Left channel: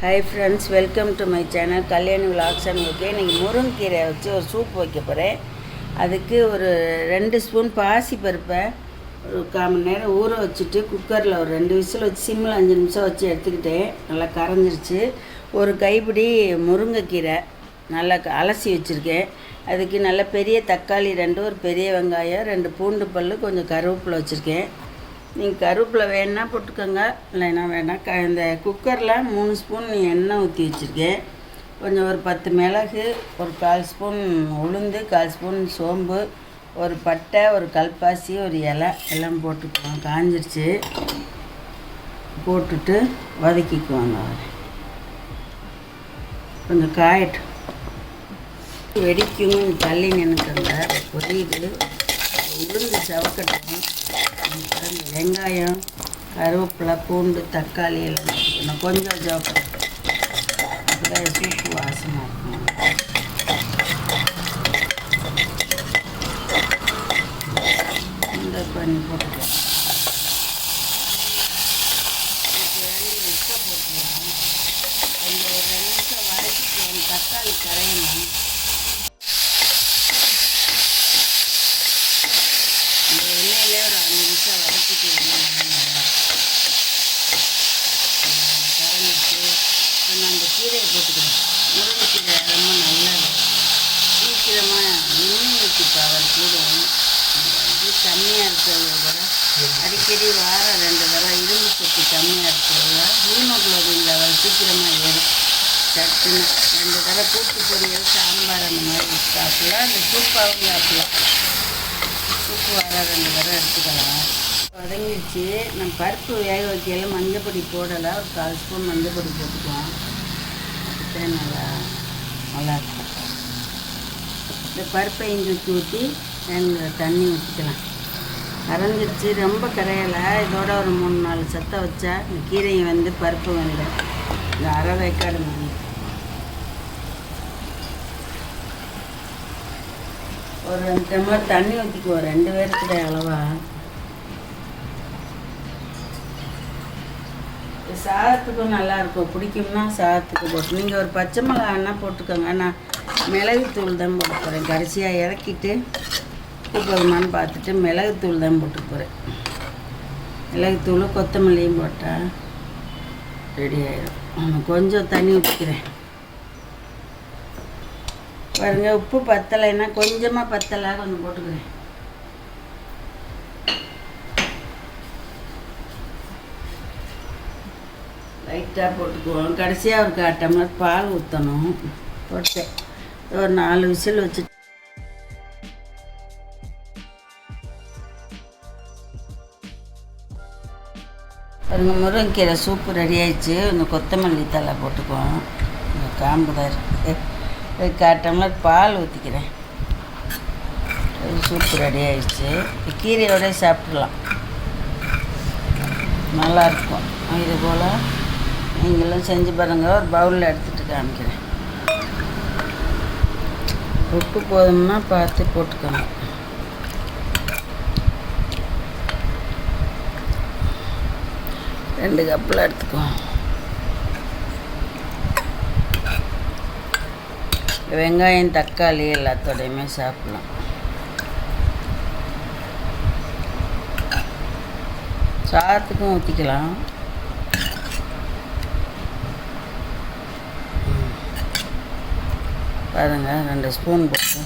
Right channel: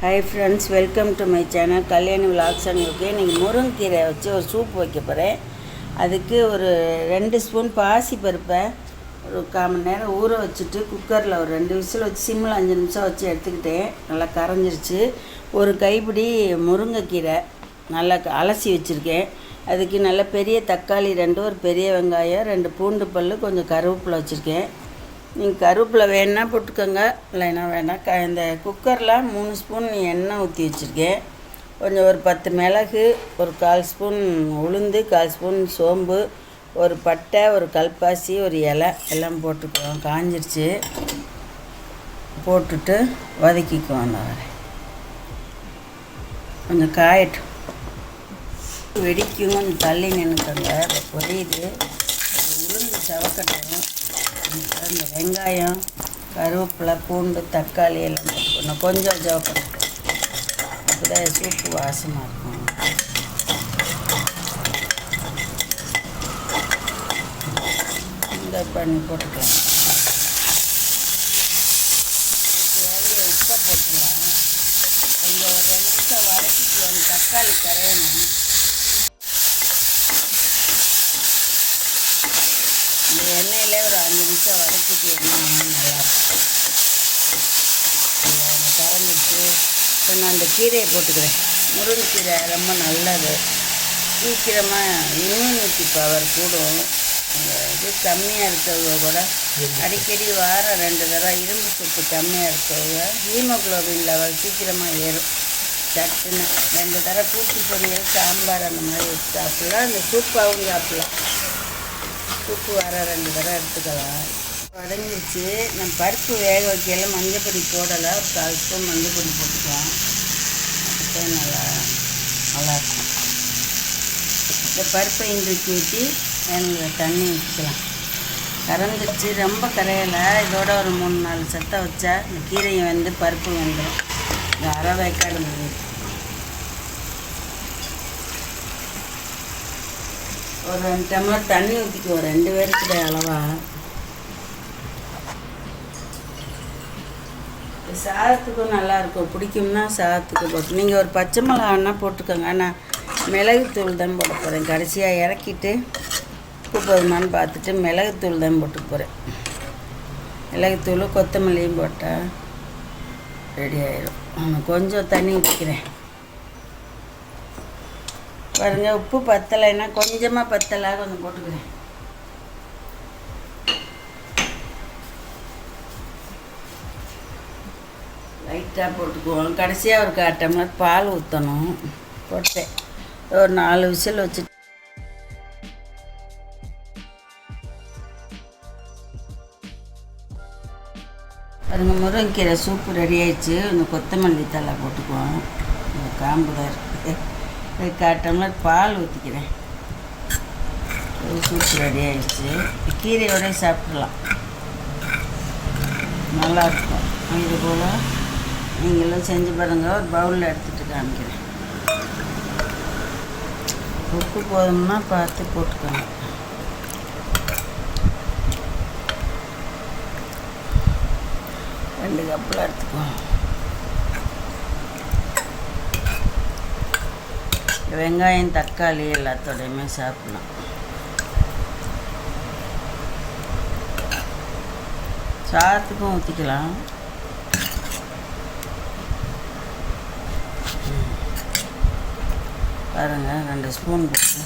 Hi friends welcome to my channel Kalyani vlogs and okay இன்றைக்கி முருங்கீரை வச்சு ஒரு சூப் வைக்க போகிறேன் அதுக்கு ஒரு ரெண்டு ஸ்பூன் பாசி பருப்பை ஒரு கால் மணி நேரம் ஊற வச்சுட்டு குக்கரில் ஒரு ரெண்டு விசில் வச்சு சிம்மில் அஞ்சு நிமிஷம் வச்சு எடுத்துக்கிட்டேன். நல்லா கரைஞ்சிருச்சு. ஒரு கைப்பிடி முருங்கைக்கீரை நல்லா க- அலசி வச்சுருக்கேன். அதுக்கு நல்ல பெரிய தக்காளி ரெண்டு ஒரு பெரிய வெங்காயம் ரெண்டு பூண்டு பல் கொஞ்சம் கருவேப்பிலை வச்சுருக்கேன். நீங்கள் கருவேப்பிலை வேணுன்னா போட்டுக்கோங்க இல்லைன்னா வேணாம் க இந்த குக்கரில் மூணு ஸ்பூன் எண்ணெய் ஊற்றி வச்சுருக்கேன். கொஞ்சம் ஒரு பத்து மிளகு ஒரு கால் ஸ்பூன் உளுந்து கால் ஸ்பூன் சோம்பு ஒரு பட்டை ஒரு கல்பாசி ஒரு இலை எல்லாம் போட்டுக்குவோம் காஞ்சிருச்சு. போட்டுட்டு வதக்கிக்குவோம் நான் கொஞ்சம் காயட்டும். வெடிக்கும் தள்ளி நின்றுக்கங்க பொரியுது. உளுந்து சவக்கட்டும். வெங்காயம் கருவேப்பிலை பூண்டு தக்காளி எல்லாம் போட்டுக்கணும் கொஞ்சம் செவக்கட்டும் அப்போதான் சூப்பு வாசமாக இருக்கும். இந்த பண்ணி போட்டுக்கலாம். உப்பை போட்டுக்கலாம் அந்த ஒரு நிமிஷம் வதக்கிக்கலாம் தக்காளி கரையணும் இந்த எண்ணெயிலே ஒரு அஞ்சு நிமிஷம் வதக்கிட்டு எண்ணெய் நல்லா கரண்டிட்டு கொஞ்சம் அந்த கீரையை போட்டுக்கிறேன். முருங்கைக்கீரை ரொம்ப நல்லது. சீக்கிரமாக இம்யூனிட்டி பவர் கூடும். இது கம்மியாக இருக்கிறத விட அடிக்கடி வாரம் ரெண்டு தடவை இரும்பு சத்து கம்மியாக இருக்கிறத ஹீமோக்ளோபின் லெவல் சீக்கிரமாக ஏறும். சட்டுன்னு ரெண்டு தடவை கூட்டு பொரியல் சாம்பார் அந்த மாதிரி வச்சு சாப்பிடலாம். அந்த சூப்பாகவும் சாப்பிடலாம். சூப்பு வாரம் ரெண்டு தடவை எடுத்துக்கலாம். வதங்கிடுச்சு நம்ம பருப்பு வேக வைக்கல மஞ்சப்பொடி போடலை. ஒரு கால் ஸ்பூன் மஞ்சப்பொடி போட்டுக்கலாம் அப்போ நல்லா நல்லாயிருக்கும் இந்த பருப்பை இன்றைக்கு ஊற்றி வேணுங்க தண்ணி ஊற்றிக்கலாம் கரைஞ்சிருச்சு. ரொம்ப கரையலை. இதோட ஒரு மூணு நாலு சத்தம் வச்சா இந்த கீரையை வந்து பருப்பு வந்து அரை வேக்காடு முடியும் ஒரு ரெண்டு டம்ளர் தண்ணி ஊற்றிக்குவோம் ரெண்டு பேருக்கு அளவாக அளவா இது சாதத்துக்கும் நல்லாயிருக்கும். பிடிக்கும்னா சாதத்துக்கு போட்டு. நீங்கள் ஒரு பச்சை மிளகா வேணால் போட்டுக்கோங்க. நான் மிளகுத்தூள் தான் போட்டு போகிறேன் கடைசியாக இறக்கிட்டு உப்பு போதுமான்னு பார்த்துட்டு மிளகுத்தூள் தான் போட்டு போகிறேன் மிளகுத்தூள் கொத்தமல்லியும் போட்டால் ரெடி ஆயிடும் நான் கொஞ்சம் தண்ணி ஊற்றிக்கிறேன் பாருங்கள் உப்பு பத்தலைன்னா கொஞ்சமாக பத்தலாக கொஞ்சம் போட்டுக்கிறேன். லைட்டாக போட்டுக்குவோம். கடைசியாக ஒரு கால் பால் ஊற்றணும் போட்டேன் ஒரு நாலு விசில் வச்சு பாருங்க முருங்கைக்கீரை சூப்பு ரெடி ஆயிடுச்சு. இந்த கொத்தமல்லி தலை போட்டுக்குவோம். இந்த காம்பு தான் இருக்கு. பால் ஊற்றிக்கிறேன் ஒரு சூப்பு ரெடி ஆயிடுச்சு. கீரையோட சாப்பிடலாம். நல்லாயிருக்கும் இது போல் நீங்களும் செஞ்சு பாருங்கள் பவுலில் எடுத்துகிட்டு காமிக்கிறேன். உப்பு போதும்னா பார்த்து போட்டுக்கோங்க. ரெண்டு கப்பில் எடுத்துக்குவோம் வெங்காயம் தக்காளி எல்லாத்தோடையுமே சாப்பிடலாம் சாதத்துக்கும் ஊற்றிக்கலாம் பாருங்கள் ரெண்டு ஸ்பூன் போட்டு.